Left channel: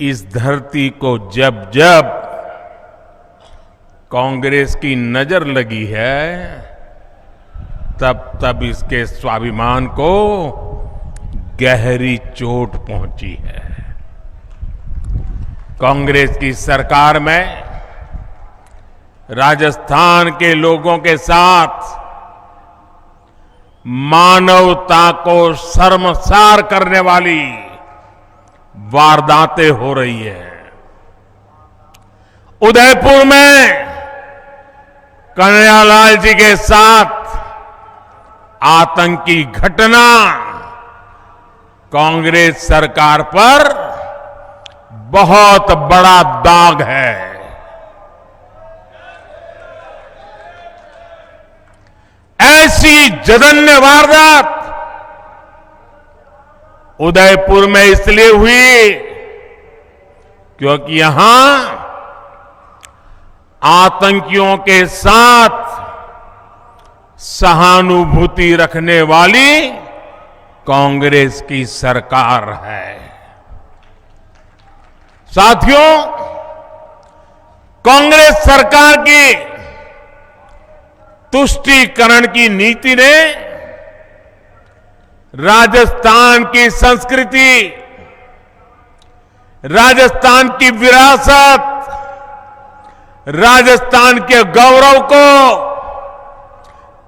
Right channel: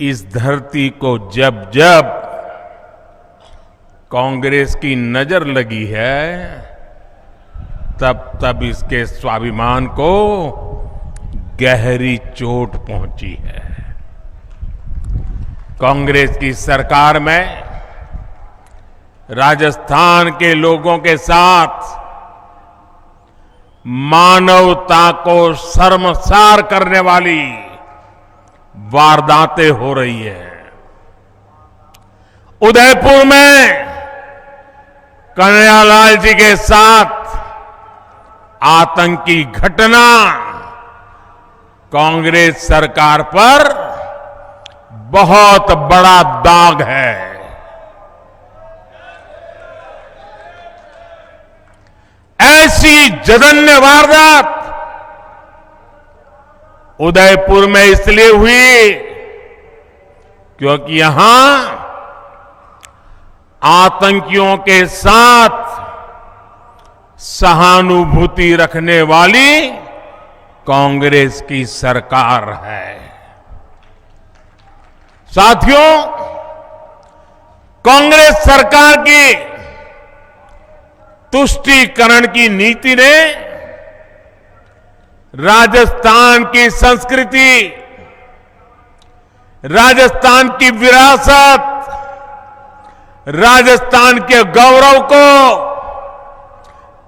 इस धरती को जब जब कांग्रेस की नजर लगी है, तब तब इसके स्वाभिमान को गहरी चोट पहुंची है। कांग्रेस की सरकार में राजस्थान के लोगों के साथ मानवता को शर्मसार करने वाली वारदातें हो रही है। उदयपुर में कन्हैयालाल जी के साथ आतंकी घटना कांग्रेस सरकार पर बहुत बड़ा दाग है। ऐसी जघन्य वारदात उदयपुर में इसलिए हुई क्योंकि यहां आतंकियों के साथ सहानुभूति रखने वाली कांग्रेस की सरकार है। साथियों, कांग्रेस सरकार की तुष्टीकरण की नीति ने राजस्थान की संस्कृति, राजस्थान की विरासत, राजस्थान के गौरव को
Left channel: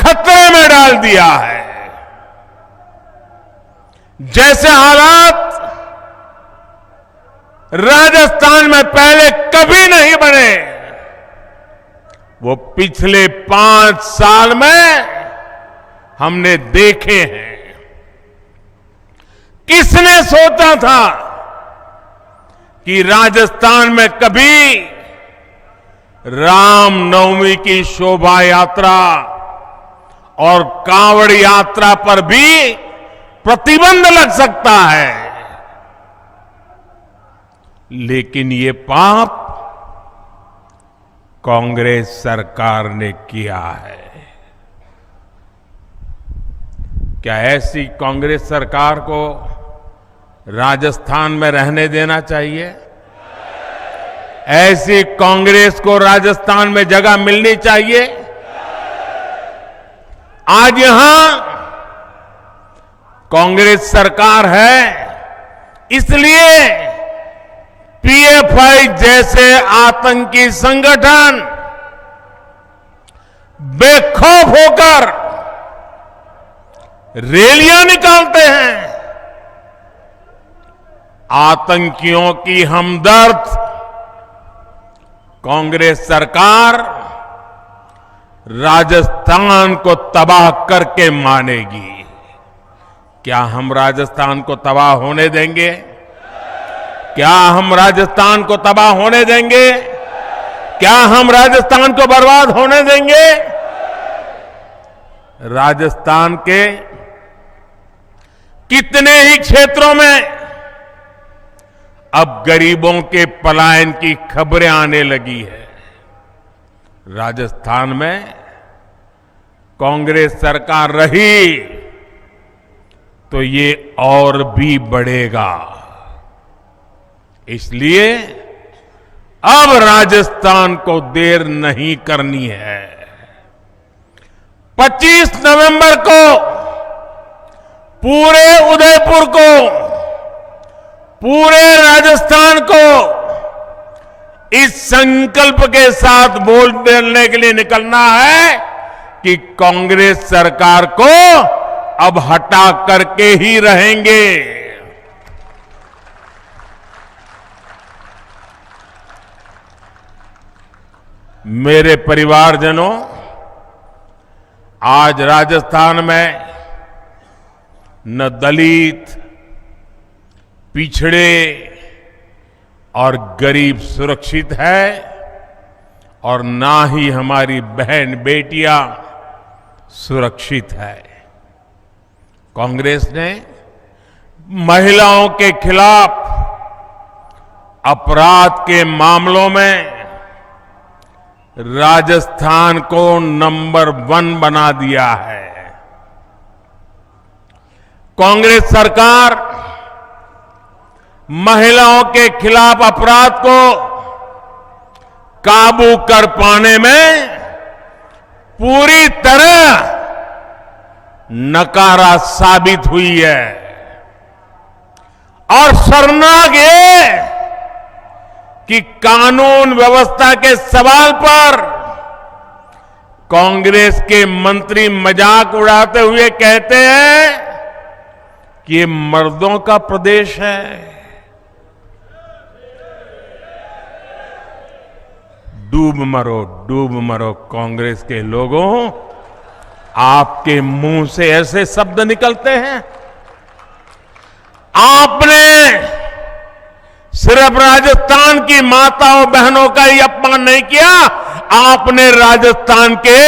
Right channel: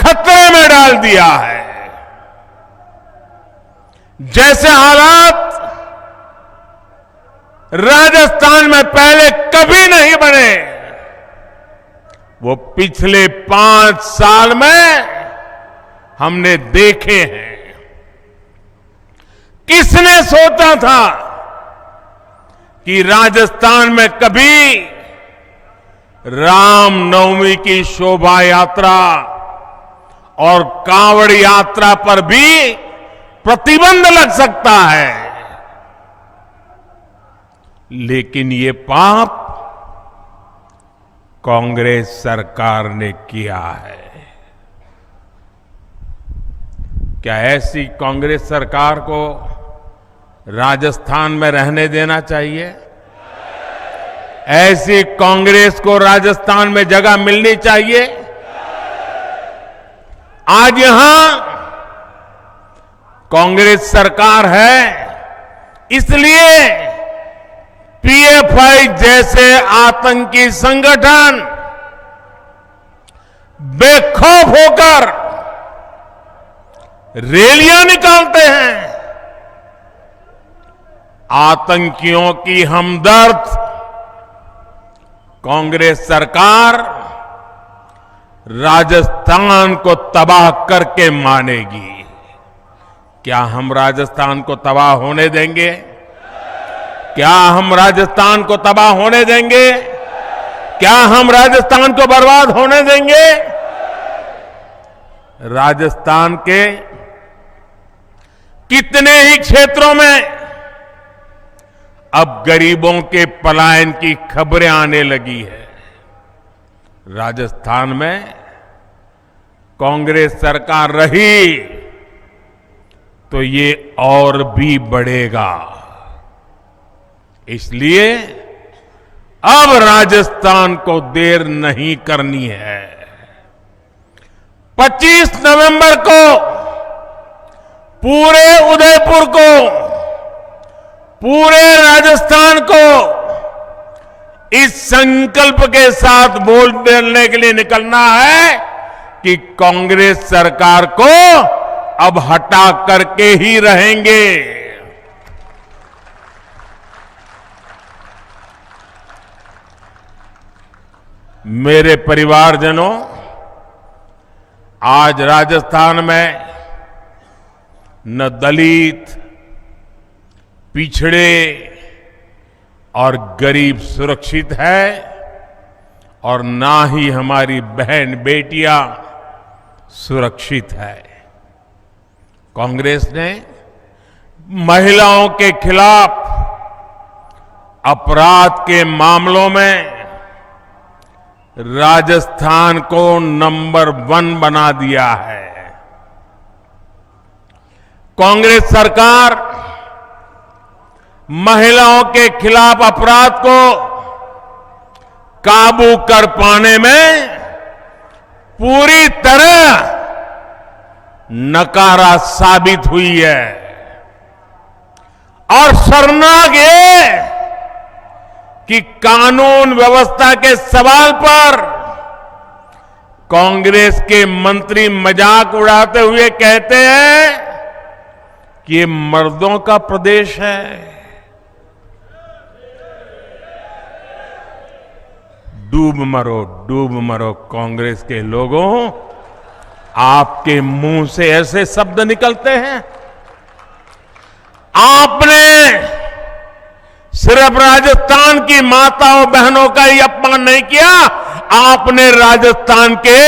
खतरे में डाल दिया है। जैसे हालात राजस्थान में पहले कभी नहीं बने, वो पिछले 5 साल में हमने देखे हैं। किसने सोचा था कि राजस्थान में कभी रामनवमी की शोभा यात्रा और कांवड़ यात्रा पर भी प्रतिबंध लग सकता है। लेकिन ये पाप कांग्रेस सरकार ने किया है। क्या ऐसी कांग्रेस सरकार को राजस्थान में रहने देना चाहिए? ऐसी कांग्रेस को राजस्थान में जगह मिलनी चाहिए? आज यहां कांग्रेस सरकार है, इसलिए पीएफआई जैसे आतंकी संगठन बेखौफ होकर रैलियां निकालते हैं। आतंकियों की हमदर्द कांग्रेस सरकार राजस्थान को तबाह करके मानेगी। क्या हम राजस्थान को तबाह होने देंगे? क्या हम राजस्थान को तबाह होने देंगे? क्या हम राजस्थान को बर्बाद होने देंगे? राजस्थान के कितने ही क्षेत्रों में अब गरीबों के पलायन की खबरें आने लगी है। राजस्थान में कांग्रेस सरकार रही तो ये और भी बढ़ेगा। इसलिए अब राजस्थान को देर नहीं करनी है। 25 नवंबर को पूरे उदयपुर को, पूरे राजस्थान को इस संकल्प के साथ बोलने के लिए निकलना है कि कांग्रेस सरकार को अब हटा करके ही रहेंगे। मेरे परिवारजनों, आज राजस्थान में न दलित, पिछड़े और गरीब सुरक्षित है और ना ही हमारी बहन बेटियां सुरक्षित है। कांग्रेस ने महिलाओं के खिलाफ अपराध के मामलों में राजस्थान को नंबर 1 बना दिया है। कांग्रेस सरकार महिलाओं के खिलाफ अपराध को काबू कर पाने में पूरी तरह नकारा साबित हुई है। और शर्मनाक ये कि कानून व्यवस्था के सवाल पर कांग्रेस के मंत्री मजाक उड़ाते हुए कहते हैं कि ये मर्दों का प्रदेश है। डूब मरो कांग्रेस के लोगों, आपके मुंह से ऐसे शब्द निकलते हैं। आपने सिर्फ राजस्थान की माताओं बहनों का ही अपमान नहीं किया, आपने राजस्थान के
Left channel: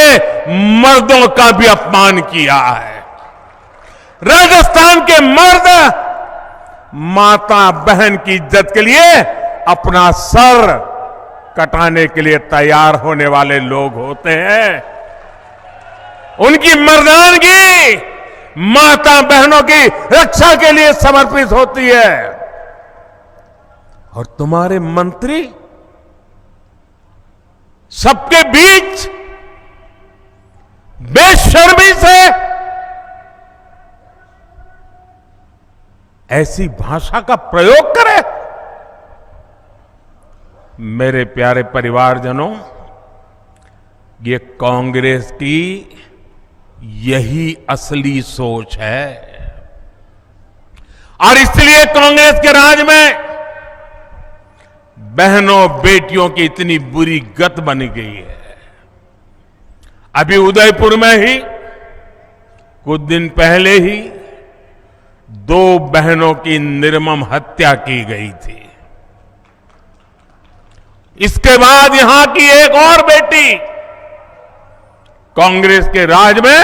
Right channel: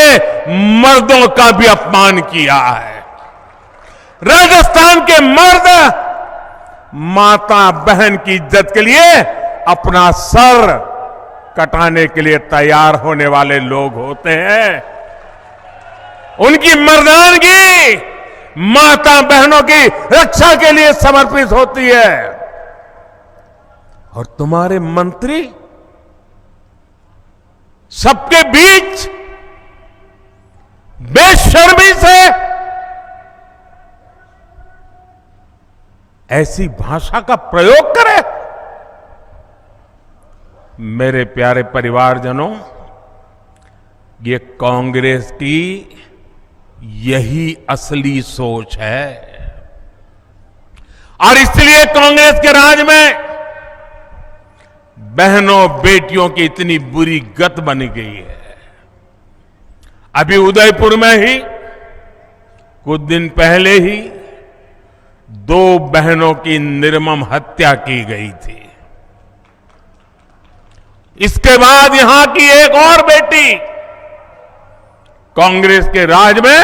मर्दों का भी अपमान किया है। राजस्थान के मर्द माता बहन की इज्जत के लिए अपना सर कटाने के लिए तैयार होने वाले लोग होते हैं। उनकी मर्दानगी माता बहनों की रक्षा के लिए समर्पित होती है। और तुम्हारे मंत्री सबके बीच बेशर्मी से ऐसी भाषा का प्रयोग करें। मेरे प्यारे परिवारजनों, ये कांग्रेस की यही असली सोच है। और इसलिए कांग्रेस के राज में बहनों बेटियों की इतनी बुरी गत बनी गई है। अभी उदयपुर में ही कुछ दिन पहले ही 2 बहनों की निर्मम हत्या की गई थी। इसके बाद यहां की एक और बेटी कांग्रेस के राज में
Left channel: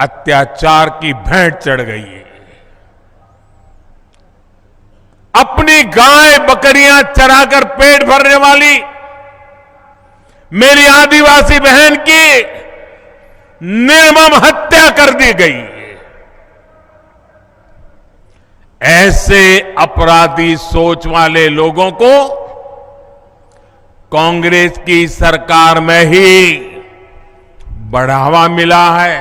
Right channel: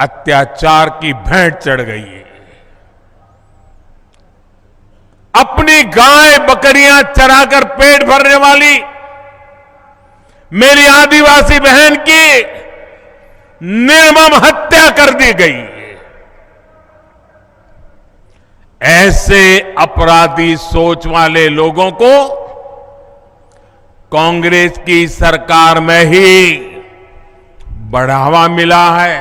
अत्याचार की भेंट चढ़ गई है। अपनी गाय बकरियां चराकर पेट भरने वाली मेरी आदिवासी बहन की निर्मम हत्या कर दी गई। ऐसे अपराधी सोच वाले लोगों को कांग्रेस की सरकार में ही बढ़ावा मिला है।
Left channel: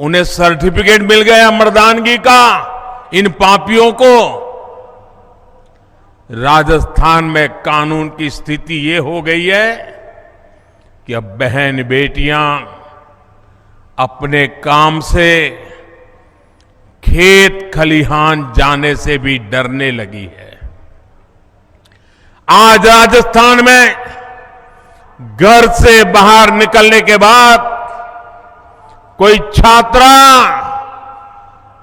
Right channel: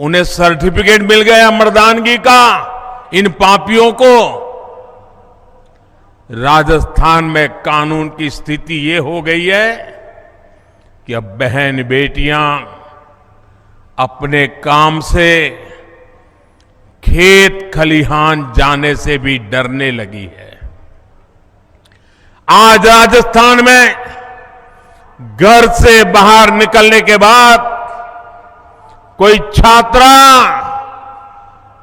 उन्हें सर्टिफिकेट मिल गया मर्दानगी का। इन पापियों को राजस्थान में कानून की स्थिति ये हो गई है कि अब बहन बेटियां अपने काम से खेत खलिहान जाने से भी डरने लगी है। आज राजस्थान में घर से बाहर निकलने के बाद कोई छात्रा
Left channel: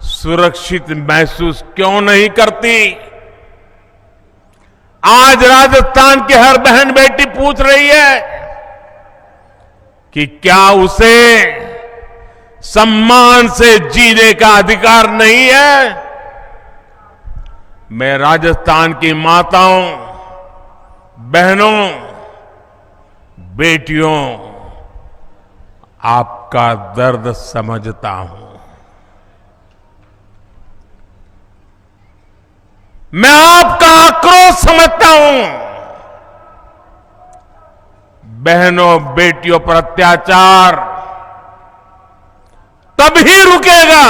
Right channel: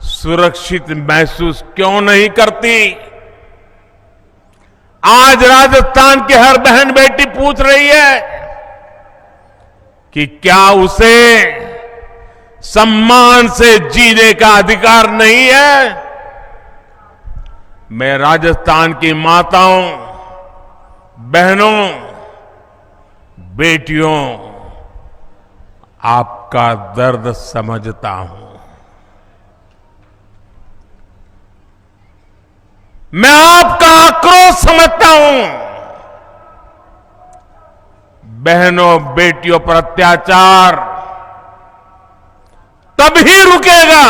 सुरक्षित महसूस क्यों नहीं करती? आज राजस्थान की हर बहन बेटी पूछ रही है कि क्या उसे सम्मान से जीने का अधिकार नहीं है? मैं राजस्थान की माताओं, बहनों, बेटियों, आपका दर्द समझता हूं। मैं आपका आक्रोश समझता हूं। बहनों बेटियों पर अत्याचार तभी रुकेगा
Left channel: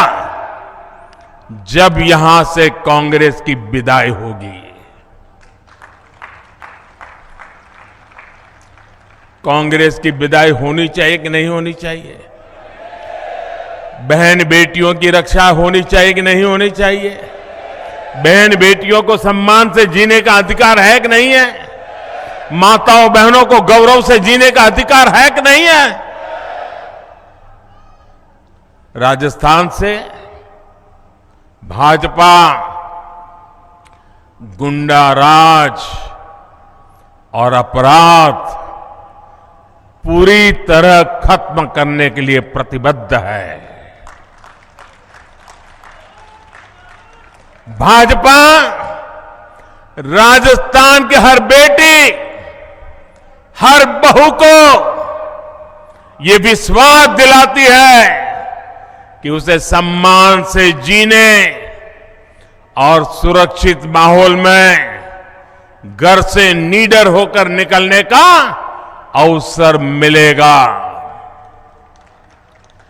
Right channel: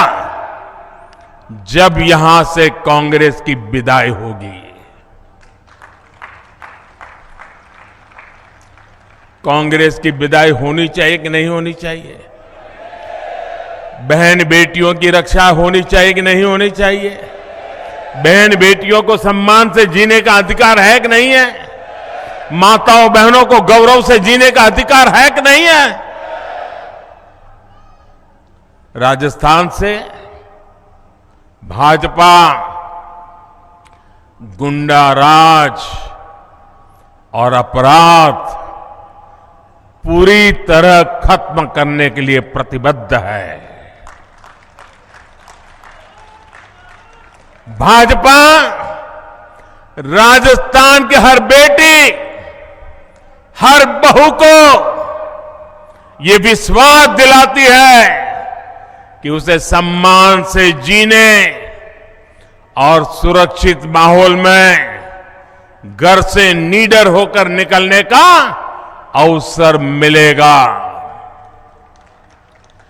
जब यहां से कांग्रेस की विदाई होगी। कांग्रेस की विदाई होनी चाहिए कि नहीं होनी चाहिए? बहन बेटियों की रक्षा होनी चाहिए कि नहीं होनी चाहिए? बहन बेटियों को सम्मान से जीने का अधिकार है कि नहीं है? माताओं बहनों को गौरव से जीने का अधिकार है कि नहीं है? राजस्थान से भाजपा गुंडा राज और अपराध पूरी तरह खत्म करने के लिए प्रतिबद्ध है। भाजपा राजस्थान की हर बेटी, हर बहू को ये विश्वास दिलाती है कि उसे सम्मान से जीने और सुरक्षित माहौल में घर से निडर होकर निकलने का अवसर मिलेगा।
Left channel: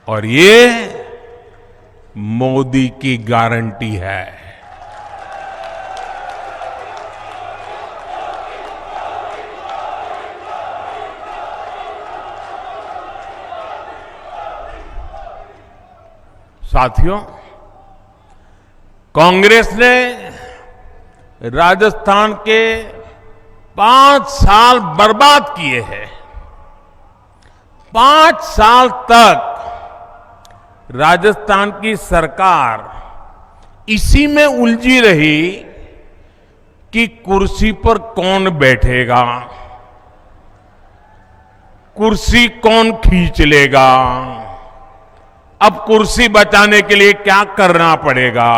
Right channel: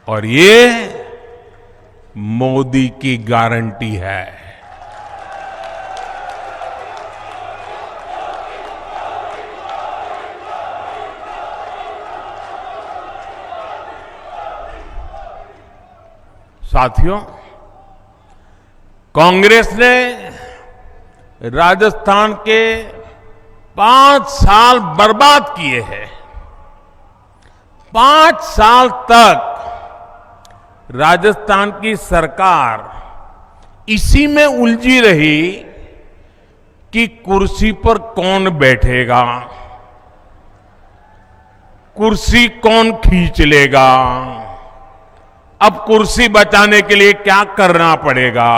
और ये मोदी की गारंटी है। साथियों, कांग्रेस ने राजस्थान के 5 साल बर्बाद किए हैं। 5 साल तक राजस्थान की सरकार इसी में उलझी रही कि कुर्सी पर कौन बैठेगा, कुर्सी कौन खींच लेगा, अब कुर्सी बचाने के लिए क्या करना पड़ेगा।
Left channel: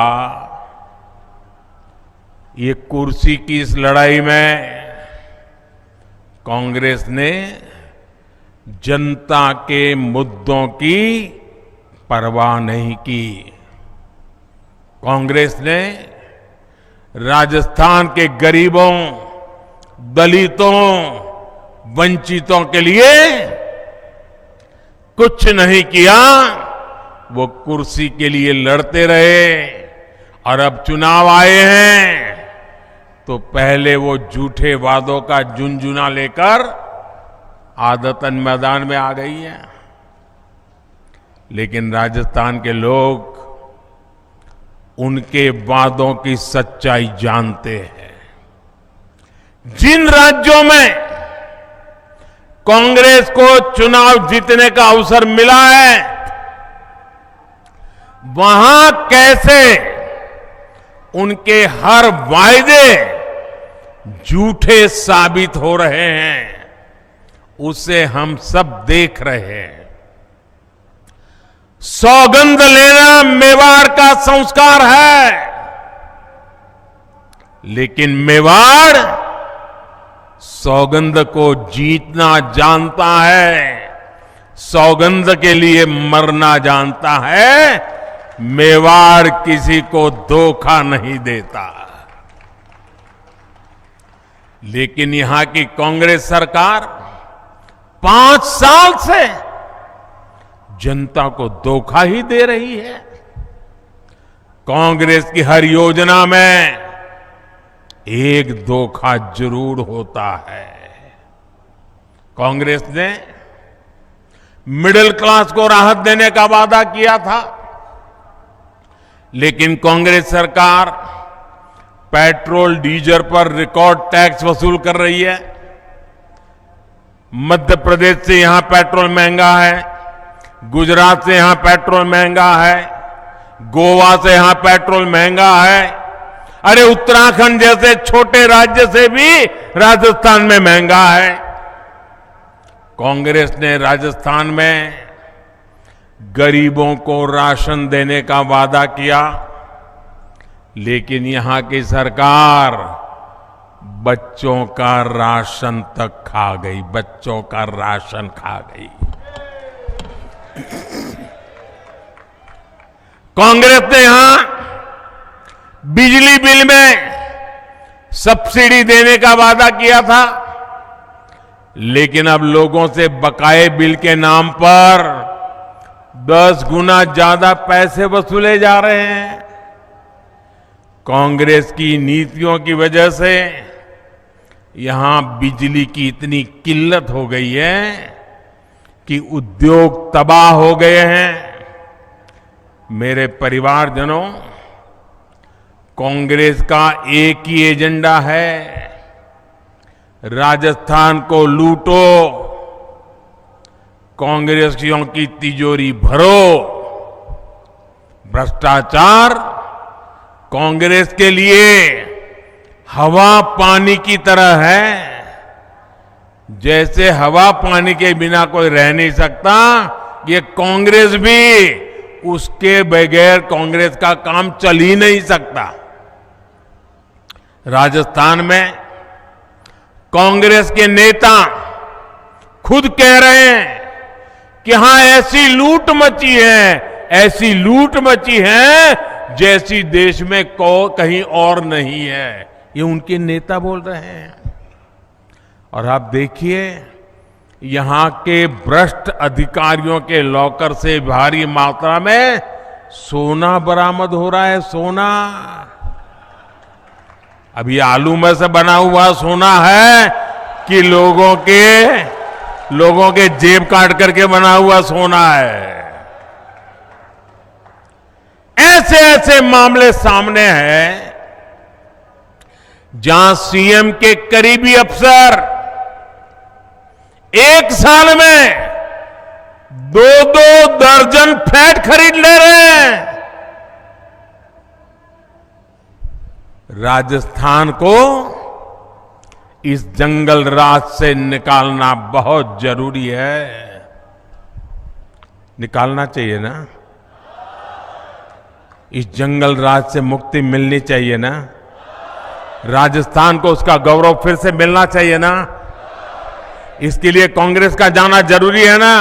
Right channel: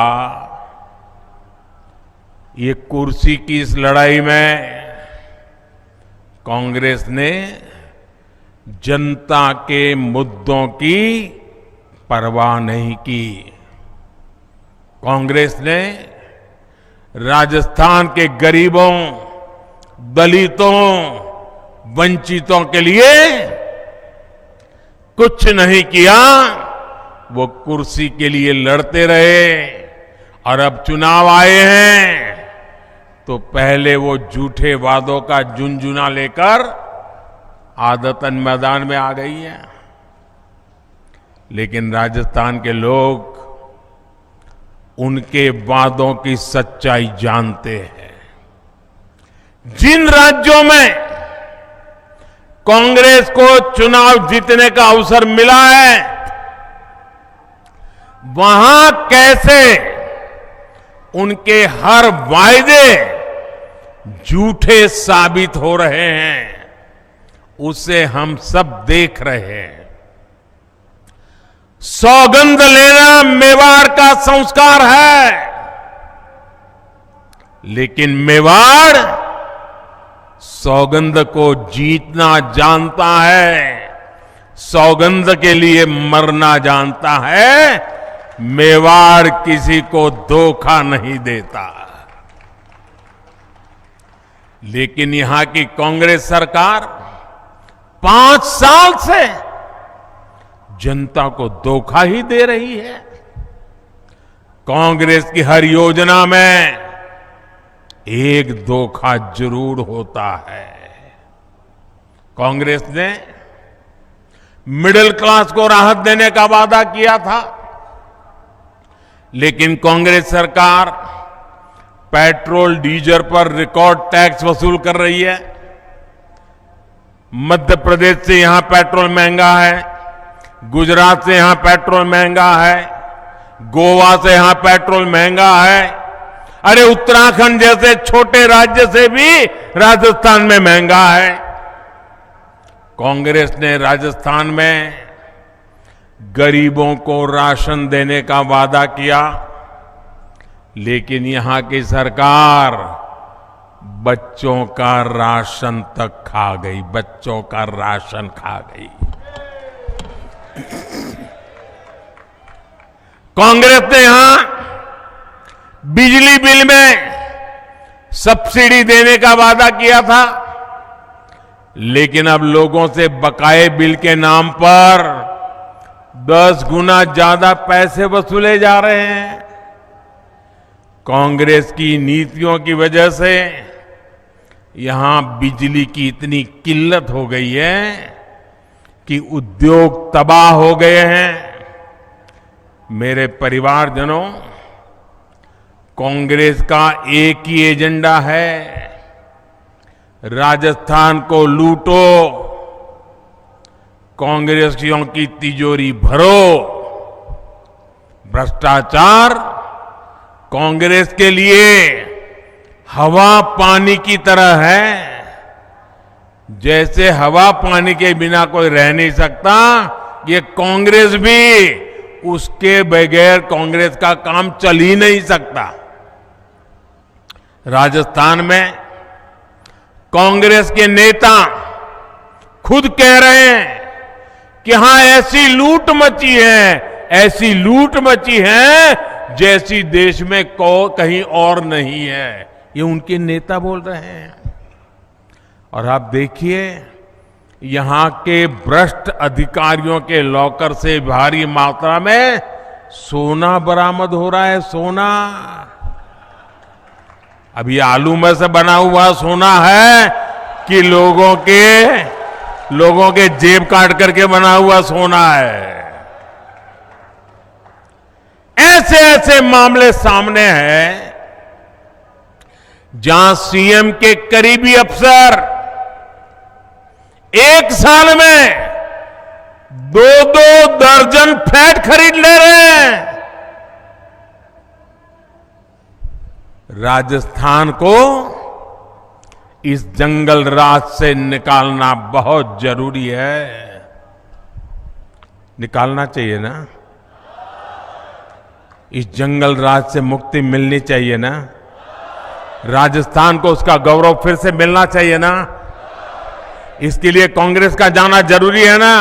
ये कुर्सी की इस लड़ाई में कांग्रेस ने जनता के मुद्दों की परवाह नहीं की। कांग्रेस ने राजस्थान के गरीबों, दलितों, वंचितों के लिए कुछ नहीं किया। वो कुर्सी के लिए लड़ते रहे और अब चुनाव आए हैं तो पहले वो झूठे वादों का झुनझुना लेकर आदतन मैदान में आ गई है। लेकिन राजस्थान के लोग उनके वादों की सच्चाई जानते हैं। जिन राज्यों में कांग्रेस को चुनाव जीतने का अवसर मिला है, वहां कैसे उनके हर वायदे झूठे साबित हो रहे हैं, उसे हम सब देख रहे हैं। सौगंध लेना मेवाड़ का संस्कार है, लेकिन मेवाड़ सौगंध को जीतना जानता है, सौगंध के लिए मरना जानता है। मेवाड़ किसी को धोखा नहीं देता। लेकिन यहां की कांग्रेस सरकार 5 साल से जनता को धोखा ही दे रही है। कांग्रेस की हर योजना में एक धोखा जरूर होता है। कांग्रेस ने मिडिल क्लास को राहत देने का वादा किया था, लेकिन कांग्रेस सरकार पेट्रोल डीजल पर रिकॉर्ड टैक्स वसूल कर रही है। मध्य प्रदेश से यहां पेट्रोल महंगा है, गुजरात से यहां पेट्रोल महंगा है, गोवा से यहां पेट्रोल महंगा है। अरे उत्तराखंड जैसे छोटे राज्य से भी राजस्थान में महंगा है। कांग्रेस ने राजस्थान में गरीबों को राशन देने का वादा किया, लेकिन यहां की सरकार बच्चों का राशन तक खा गई, बच्चों का राशन खा गई। कांग्रेस ने यहां बिजली बिल में सब्सिडी देने का वादा किया था, लेकिन अब लोगों से बकाये बिल के नाम पर 10 गुना ज्यादा पैसे वसूले जा रहे हैं। कांग्रेस की नीतियों की वजह से यहां बिजली की इतनी किल्लत हो गई है कि उद्योग तबाह हो गए हैं। मेरे परिवारजनों, कांग्रेस का एक ही एजेंडा है, राजस्थान को लूटो, कांग्रेसियों की तिजोरी भरो। भ्रष्टाचार कांग्रेस के लिए हवा पानी की तरह है। जैसे हवा पानी के बिना कोई रह नहीं सकता, ये कांग्रेस भी उसके बगैर कांग्रेस का काम चल ही नहीं सकता। राजस्थान में कांग्रेस के नेता खुद कह रहे हैं कि हां ऐसी लूट मची है, ऐसी लूट मची है जैसी देश में कहीं और नहीं है। ये उनके नेता बोल रहे हैं। और आप देखिए, यहां के भ्रष्ट अधिकारियों के लॉकर से भारी मात्रा में सोना बरामद हो रहा है। सोना, अभी आलू में से बना हुआ सोना है कि लोगों के जेब काट करके बना हुआ सोना है। ऐसे ऐसे मामले सामने हैं जहां सीएम के करीबी अफसर एक साल में 2-2 दर्जन फ्लैट खरीद ले रहे हैं। राजस्थान को इस जंगल राज से निकालना बहुत जरूरी है। निकालना चाहिए ना? इस जंगल राज से मुक्ति मिलनी चाहिए ना? राजस्थान को उसका गौरव फिर से मिलना चाहिए ना? इसके लिए कांग्रेस का जाना जरूरी है ना?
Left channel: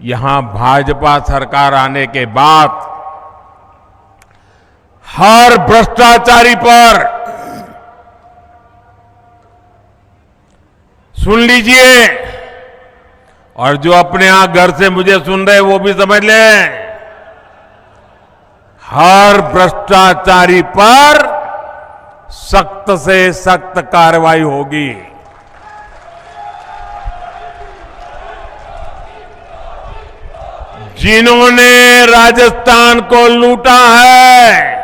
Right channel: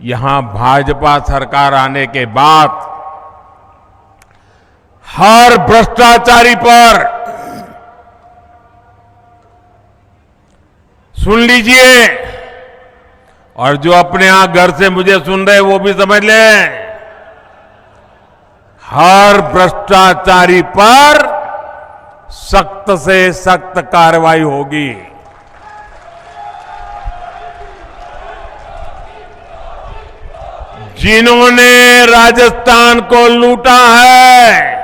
यहां भाजपा सरकार आने के बाद हर भ्रष्टाचारी पर, सुन लीजिए, और जो अपने यहां घर से मुझे सुन रहे वो भी समझ लें, हर भ्रष्टाचारी पर सख्त से सख्त कार्रवाई होगी। जिन्होंने राजस्थान को लूटा है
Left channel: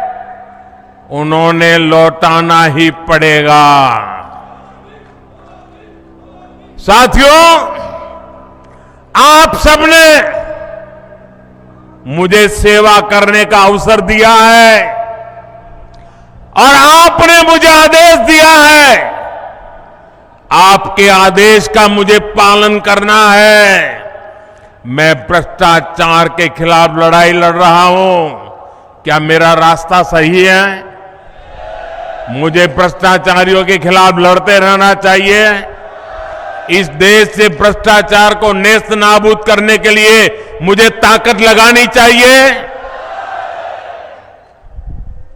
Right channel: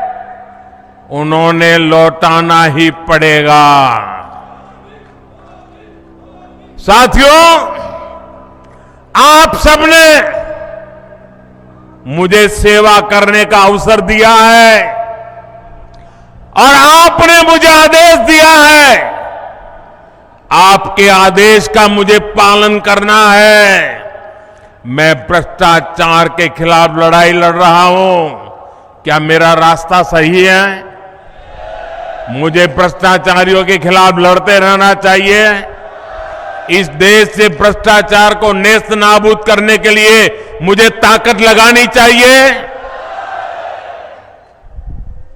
उन्होंने लौटाना ही पड़ेगा। साथियों, आप सबने मुझे सेवा करने का अवसर दिया है और आपने मुझे आदेश दिया है। आपके आदेश का मुझे पालन करना है। मैं भ्रष्टाचार के खिलाफ लड़ाई लड़ रहा हूं। क्या मेरा रास्ता सही है? मुझे भ्रष्टाचारियों के खिलाफ लड़ते रहना चाहिए। इस देश से भ्रष्टाचार को नेस्त नाबूद करने के लिए मुझे ताकत लगानी चाहिए।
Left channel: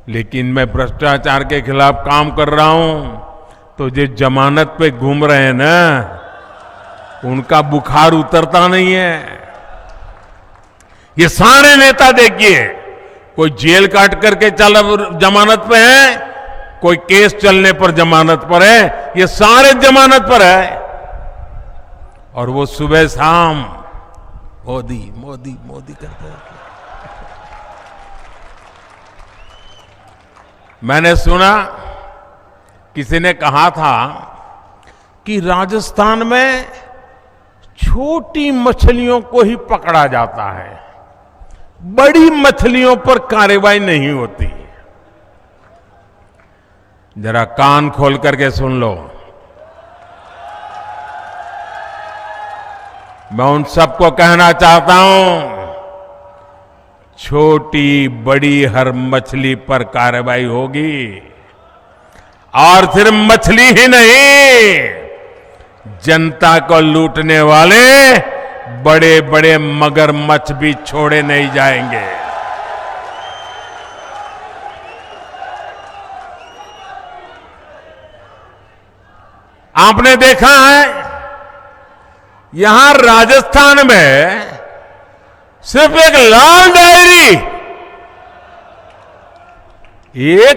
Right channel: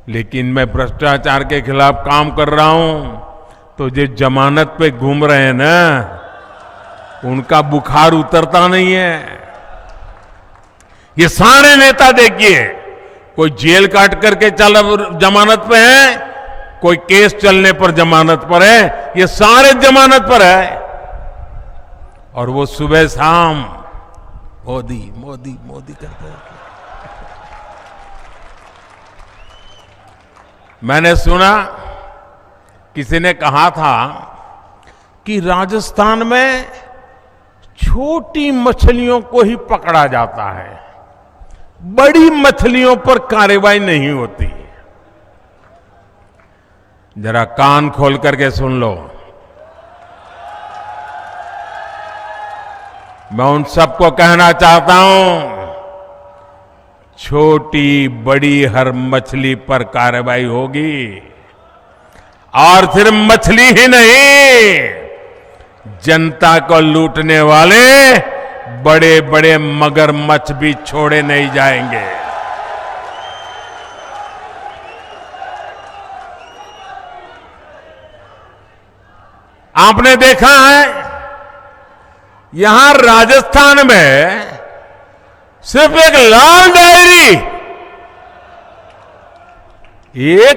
लेकिन मैं भ्रष्टाचार के खिलाफ काम कर रहा हूं तो जो जमानत पे घूम रहे हैं ना, उनका बुखार उतरता नहीं है। ये सारे नेता देखिए, कोई जेल काट करके जमानत पे है, कोई केस चलने पर जमानत पर है, ये सारे जमानत पर है। और वो सुबह शाम मोदी मोदी मोदी करते हैं। मैंने सुना, किसी ने कहा था कि राजस्थान में छोटी मछलियों को ही पकड़ा जाता है, बड़ी मछलियों पर कार्रवाई नहीं होती। जरा कान खोल करके सुन लो। मैं उन सबको कहना चाहता हूं, छोटी बड़ी हर मछली पर कार्रवाई होगी। और सिर्फ मछली ही नहीं, जनता को लूटने वाले बड़े बड़े मगरमच्छ भी छोड़े नहीं जाएंगे। आपने देखा है, यहां राजस्थान में सिर्फ एक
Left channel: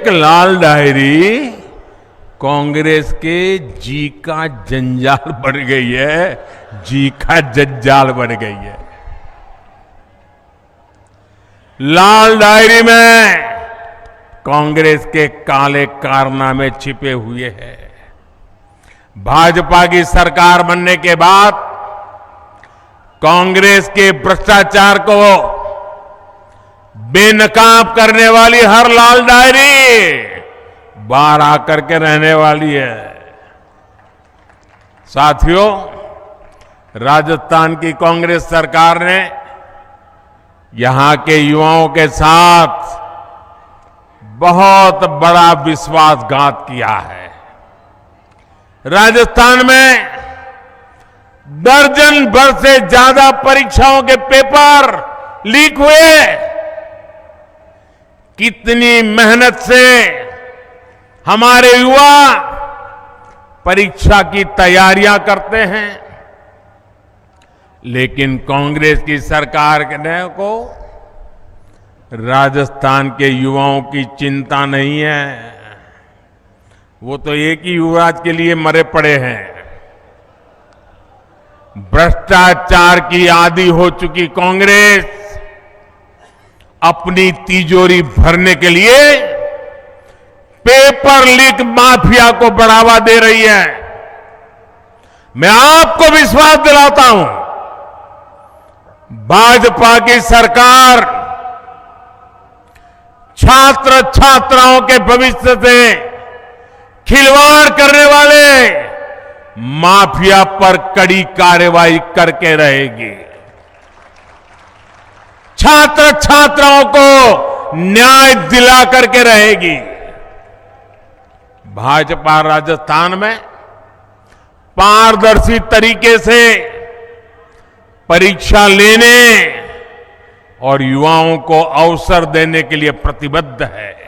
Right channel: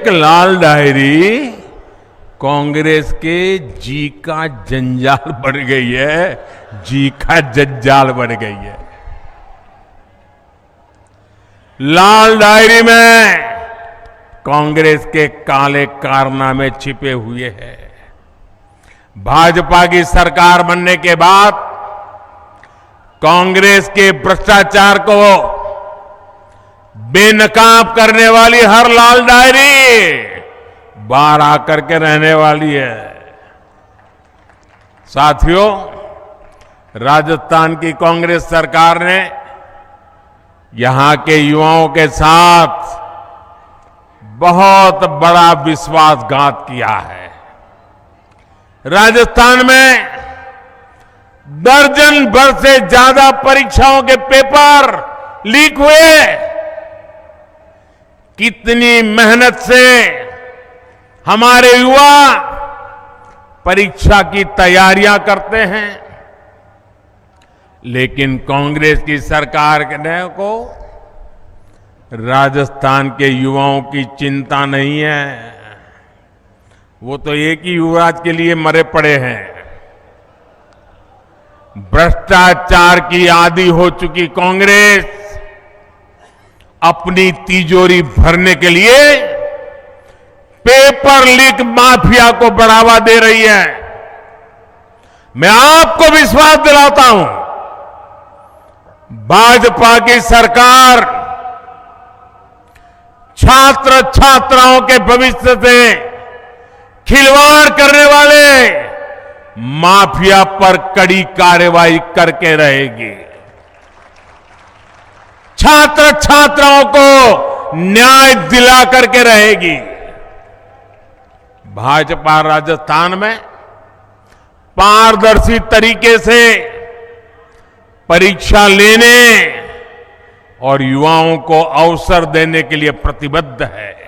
लाल डायरी कांग्रेस के जी का जंजाल बन गई है, जी का जंजाल बन गई है। लाल डायरी में कांग्रेस के काले कारनामे छिपे हुए हैं। भाजपा की सरकार बनने के बाद कांग्रेस के भ्रष्टाचार को बेनकाब करने वाली हर लाल डायरी बाहर आकर के रहने वाली है। साथियों, राजस्थान की कांग्रेस सरकार ने यहां के युवाओं के साथ बहुत बड़ा विश्वासघात किया है। राजस्थान में दर्जन भर से ज्यादा परीक्षाओं के पेपर लीक हुए। कितनी मेहनत से हमारे युवा परीक्षा की तैयारियां करते हैं, लेकिन कांग्रेस की सरकार को राजस्थान के युवाओं की चिंता नहीं है। वो तो एक ही युवराज के लिए मरे पड़े हैं। भ्रष्टाचार की आदी हो चुकी कांग्रेस अपनी तिजोरी भरने के लिए पेपर लीक माफिया को बढ़ावा दे रही है। मैं आपको विश्वास दिलाता हूं, भाजपा की सरकार छात्र छात्राओं के भविष्य से खिलवाड़ करने वाले माफिया पर कड़ी कार्रवाई करके रहेगी। छात्र छात्राओं को न्याय दिला करके रहेगी। भाजपा राजस्थान में पारदर्शी तरीके से परीक्षा लेने और युवाओं को अवसर देने के लिए प्रतिबद्ध है।